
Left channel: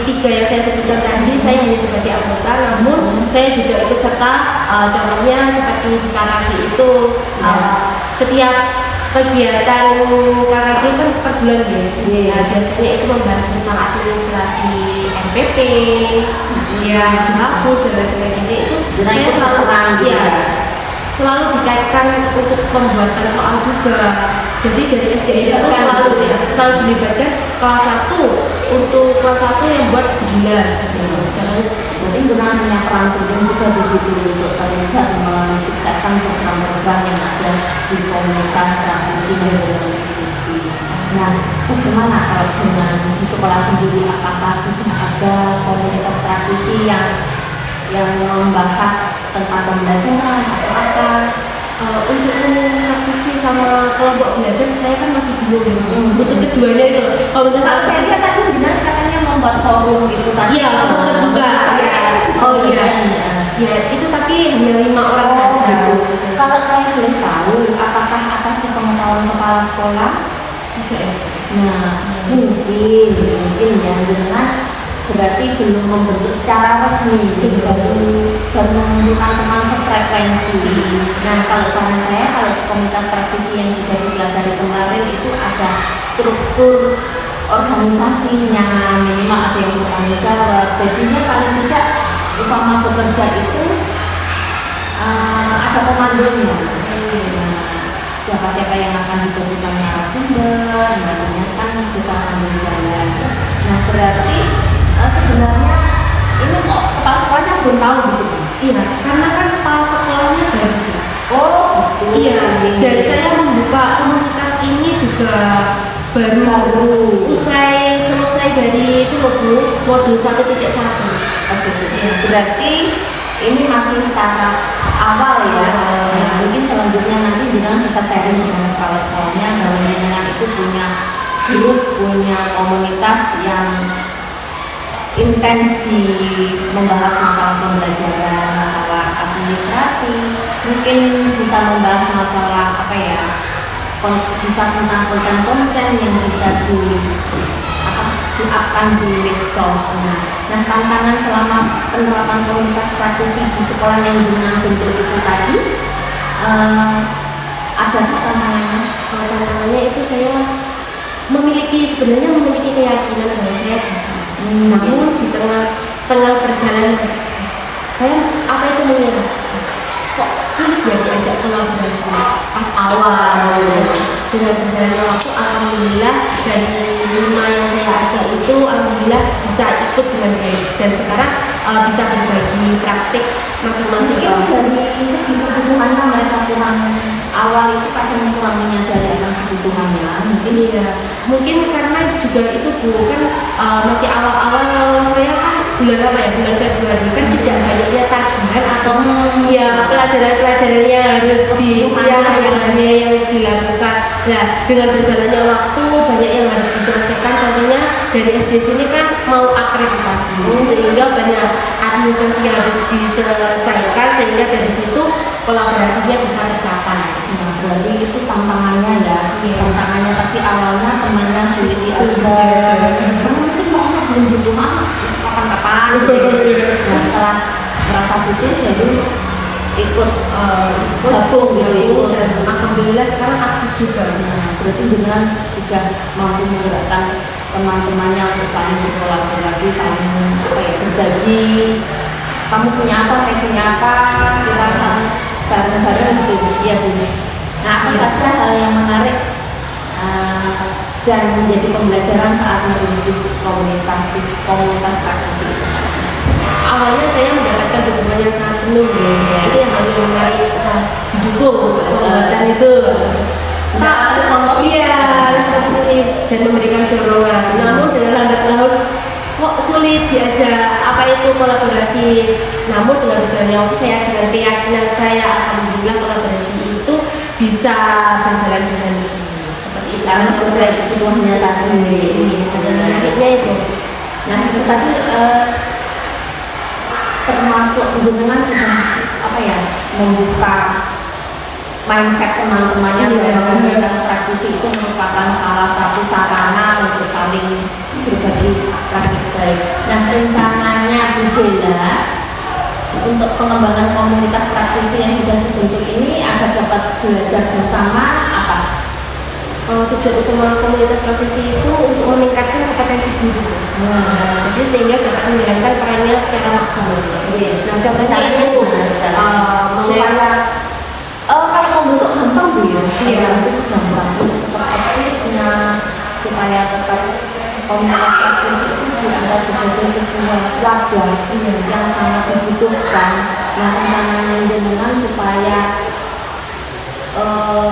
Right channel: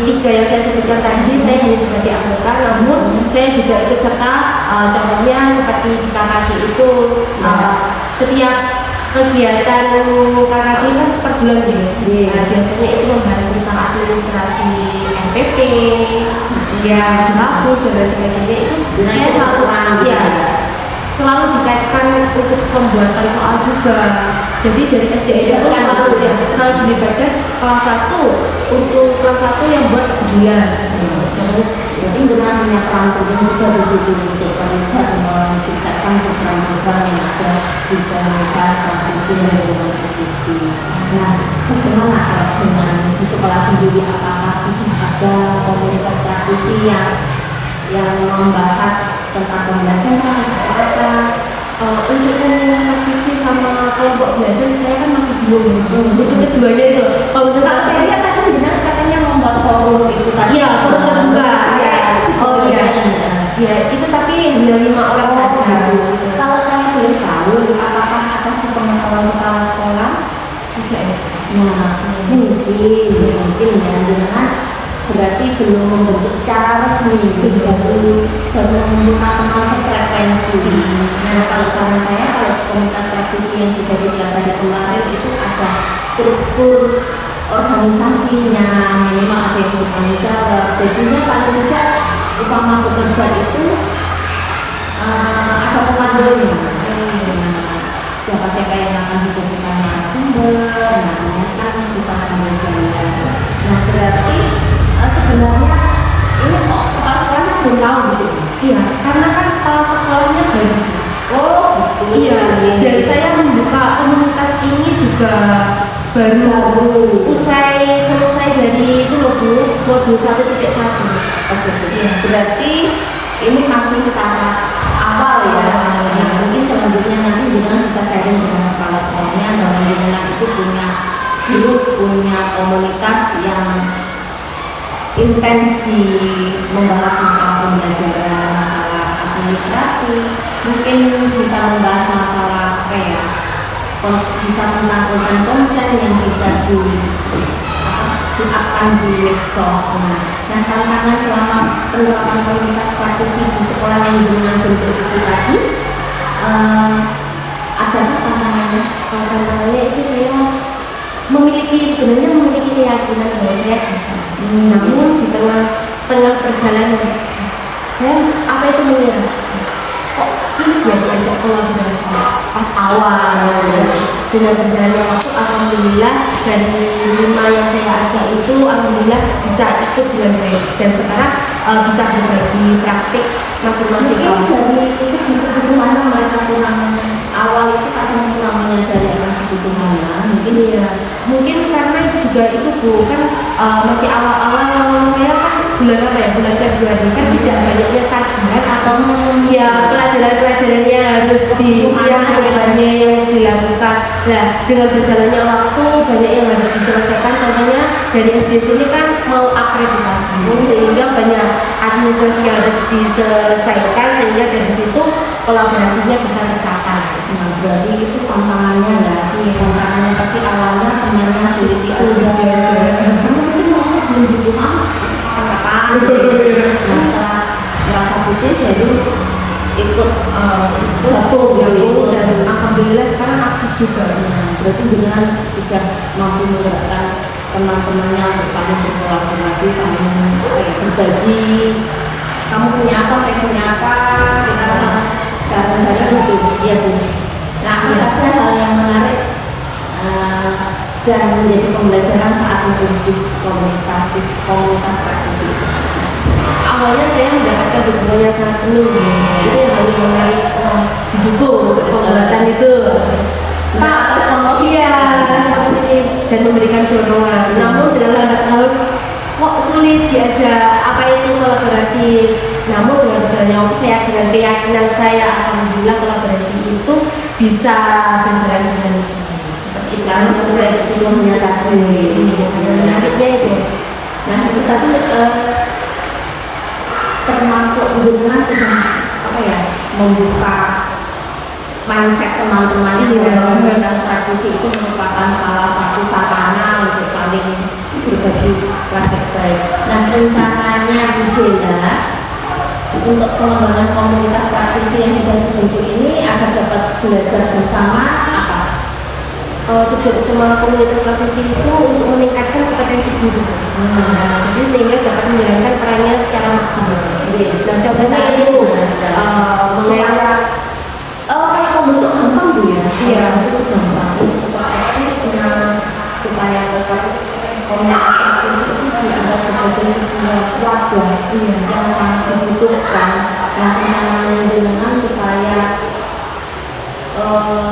3 yang saya sebutkan tadi saya hanya sebagai anggota, namun saya juga ikut serta, contohnya seperti di KKG itu setiap kegiatan KKG kan per bulan ya. Biasanya itu membahas tentang administrasi NPP, ya silabus dan lain sebagainya itu saya selalu selalu dikaitkan untuk pembuatan soal juga. Jadi dari SD itu selalu dilibatkan kelas 1 untuk kelas 1 yang buat gelas gitu. Jadi dengan punya peran penting juga di situ untuk terlibat mensukseskan program-program yang ada di komunitas tradisi yang diikuti. Nah, bagaimana kalau dengan di sekolah sendiri, apakah sudah ada komunitas tradisi yang membahas tentang pembelajaran atau apa? Untuk tradisi sama kelompok belajar saya kan masih bingung untuk keduanya itu. Kalau saya lihat tadi benar katanya membuat forum itu tadi. Iya, forum terbuka. Ya itu tapi hanya 5 orang saja. Kalau saya belum tahu, apakah atas sepengetahuan kepala sekolah? Tidak. Nah, mungkin ya dengan berarti belum membentuk secara resmi, baru menentukan teman sefrekuensi. Nah, kalau saran saya, kalau komunitas praktisi yang sudah dipelajari kemarin itu ada struktur organisasinya, minimal ada yang bertanggung jawab. Jadinya paling tidak utama bekerja itu ada komandonya. Siapa-siapa yang akan dijadikan narasumber, nantinya kan bisa sambil jalan. Nah, berarti sebenarnya ini kok kepala sekolahnya belum tahu gitu. Iya, karena kan kepala sekolahnya baru. Oh, betul. Iya, dan saya membuka komunitas ini juga baru selesai dari itu loh Bu, modul 1.1. Oke. Berarti ini masih tahap awal ya. Mungkin selanjutnya nanti Bintang bisa sharing dengan kepala sekolahnya bahwa Bintang itu punya grup, punya komunitas yang intens di membahas masalah pembelajaran, masalah administrasi, mungkin bisa membahas masalah bisa tentang konten-konten yang bisa diupkan di medsos. Nah, tantangan selama penerapan komunitas praktisi di sekolah yang dengan bentuk itu tadi, ada tantangannya? Tantangannya itu saya sebenarnya memiliki keyakinan bahwa saya bisa. Namun di tengah perjalanan saya menyerah. Kok sulit ya diajak kolaborasi pas awal. Dengan berjalannya waktu, alhamdulillah dari 5 yang saya ajak itu alhamdulillah bisa ikut dengan baik dan sekarang bisa berbagi praktik masing-masing. Dari segi kebutuhannya mereka kurang awal itu kadang kurang menyadari akan kebutuhannya. Mungkin karena juga itu Bu kan masih awal-awal saya kan bulan Februari kan tidak banyaknya tagihan atau pelajaran-pelajaran yang harus hanya yang dilakukan. Nah, dengan berjalannya waktu banyak yang harus diselesaikan. Contohnya dari SD sini kan mau akreditasi, sehingga banyak administrasi yang harus diselesaikan sehingga dari situ kolaborasinya bisa tercapai. Nah, berarti itu tantangannya ya. Tantangannya tapi awalnya temannya sulit diajar. Mungkin merasa belum butuh kapan-kapan. Nah, setelah merasa butuh jadi ikut gabung dan alhamdulillah sekarang aktif juga. Berarti dengan sudah mampu menggerakkan teman-temannya untuk saling berkolaborasi, saling berbagi. Kamu punya apa, saya punya apa, kita bareng-bareng gitu, ya Bu. Nah, apa saja hal yang menarik dan menjadi pembelajaran saat merintis komunitas praktisi itu? Awalnya saya mendapatkan dukungan yang sangat penuh itu yang harus menarik didukung untuk pembuatan itu. Respon positif dan memberikan dorongan. Namun dengan lambat laun kok sulit diajak kolaborasi. Namun dengan berjalannya waktu saya dengan keyakinan saya alhamdulillah kolaborasi itu bisa berjalan dengan seperti itu. Sesuai kebutuhannya tadi. Menariknya itu. Nah, itu tadi termasuk jenengan sudah apa ya membuka mindset teman-temannya bahwa komunitas praktisi itu merupakan salah satu sarana untuk saling berbagi praktik baik. Nah, rencananya Bu Dela untuk pengembangan komunitas praktisi yang sudah dibentuk ini agar dapat belajar bersama apa? Tujuan utama komunitas praktisi itu untuk meningkatkan kompetensi guru. Jadi sehingga dapat menjalankan perannya secara maksimal. Nah, contohnya itu supaya kalau membentuk gampang Bu ya, itu gampang untuk eksisnya supaya tetap komunitas praktisi itu dianggap sebagai sebuah wadah yang sangat dibutuhkan. Nah, rencananya dengan supaya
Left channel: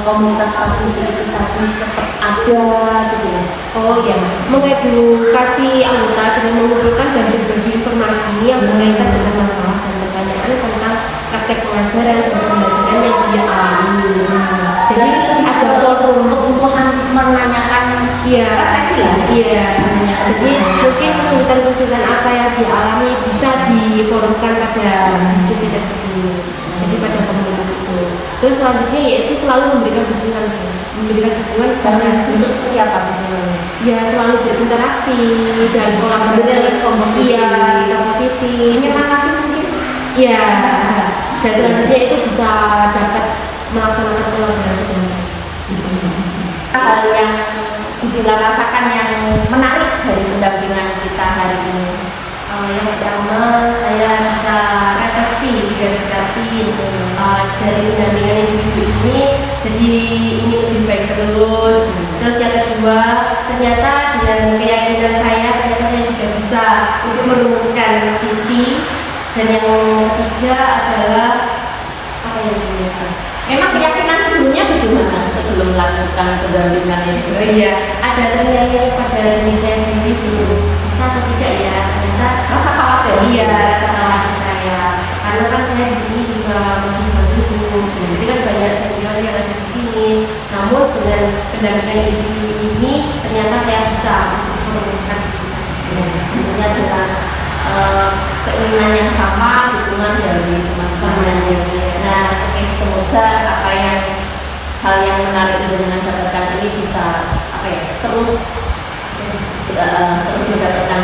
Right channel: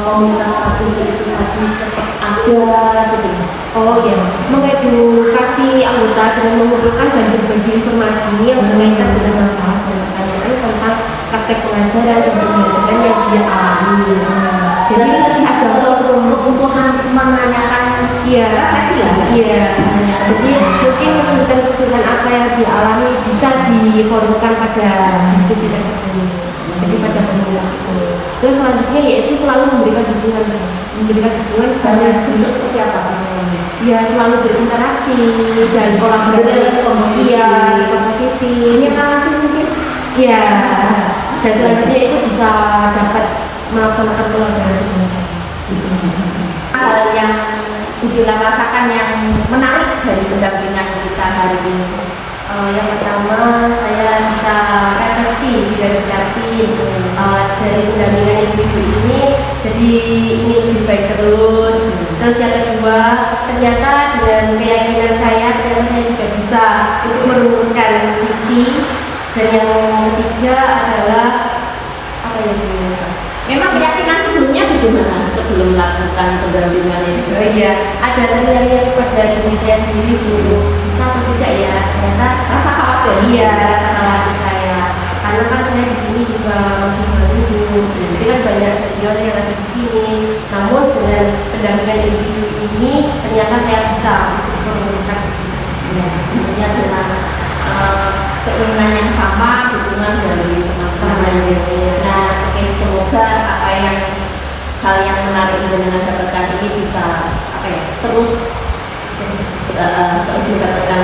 komunitas praktisi itu tadi tetap ada gitu. Oh ya, mengedukasi anggota dengan mengumpulkan dan berbagi informasi yang berkaitan dengan masalah dan pertanyaan tentang praktek pengajaran dan pembelajaran yang dia alami. Jadi ada forum kebutuhan menanyakan refleksi lah. Iya. Jadi mungkin kesulitan-kesulitan apa yang dialami bisa diforumkan pada diskusi tersebut. Jadi pada komunitas itu. Terus selanjutnya yaitu selalu memberikan dukungan kepada bentuk seperti apa dukungannya? Ya selalu berinteraksi dan kolaborasi positif. Menyemangati mungkin. Ya. Dan selanjutnya itu bisa dapat melaksanakan kolaborasi dengan hal yang Budila rasakan yang menarik dari pendampingan kita hari ini. Yang pertama saya bisa refleksi dan berarti dari pendampingan individu ini jadi ini lebih baik terus. Terus yang kedua ternyata dengan keyakinan saya ternyata saya juga bisa untuk merumuskan visi. Dan yang ketiga adalah apa ya Bu? Memang keyakinan sebelumnya bagaimana sebelum melakukan pendampingan itu? Oh iya, ada ternilai pada diri saya sendiri dulu bisa atau tidak ya, ternyata Rasa khawatir? iya rasa khawatir saya karena kan saya di sini juga masih baru, jadi kan banyak senior yang ada di sini. Namun dengan pendampingan individu ini ternyata saya bisa untuk merumuskan visi tersebut. Tentunya dengan keinginan yang sama, dukungan dari teman-teman. Nah, oke, semoga apa yang hal yang menarik dengan dapatkan ini bisa apa ya terus mendapatkan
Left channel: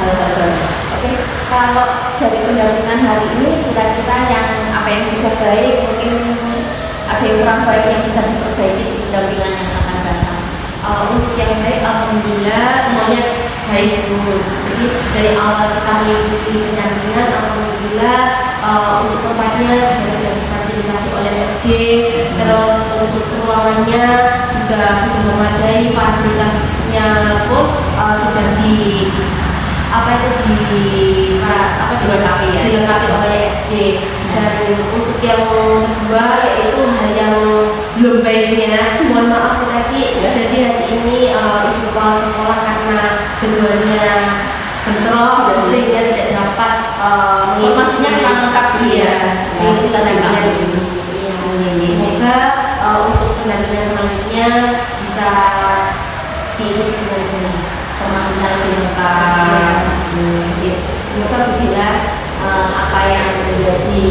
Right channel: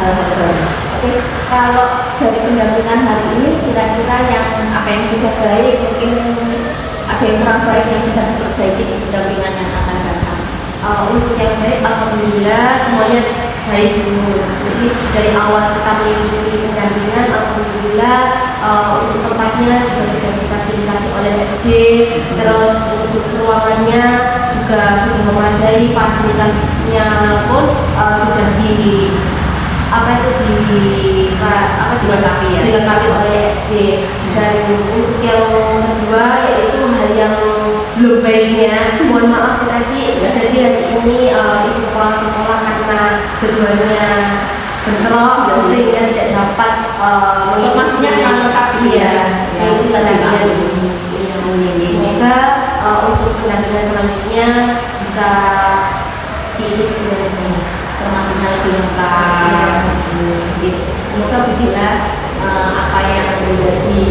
hal-hal baru. Oke, kalau dari pendampingan hari ini kira-kira yang apa yang sudah baik mungkin ada yang kurang baik yang bisa diperbaiki di pendampingan yang akan datang. Untuk yang baik alhamdulillah semuanya baik dulu. Jadi dari awal kita mengikuti pendampingan alhamdulillah untuk tempatnya juga sudah difasilitasi oleh SD, terus untuk ruangannya juga sudah memadai, fasilitasnya pun sudah dilengkapi oleh SD. Dan untuk yang kedua yaitu hal yang belum baiknya, mohon maaf nanti jadi hari ini ibu kepala sekolah karena jadwalnya bentrok sehingga tidak dapat Informasinya kurang lengkap itu pendampingan ini. Semoga untuk pendampingan selanjutnya bisa diikuti dengan baik, Informasinya lebih lengkap. Semoga Budila apa yang menjadi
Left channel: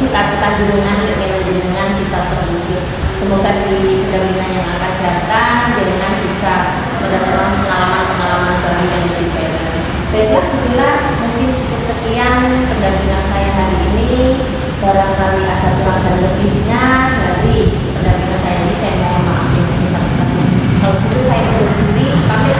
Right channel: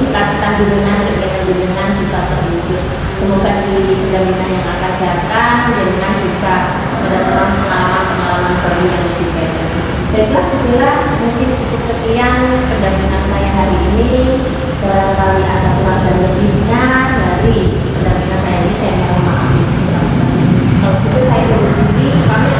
cita-cita jenengan bisa terwujud. Semoga di pendampingan yang akan datang jenengan bisa mendapatkan pengalaman baru yang lebih baik lagi. Baiklah Budila, mungkin cukup sekian pendampingan saya hari ini. Barangkali ada kurang dan lebihnya dari pendampingan saya ini, saya mohon maaf yang sebesar-besarnya. Kalau begitu saya undur diri, pamit.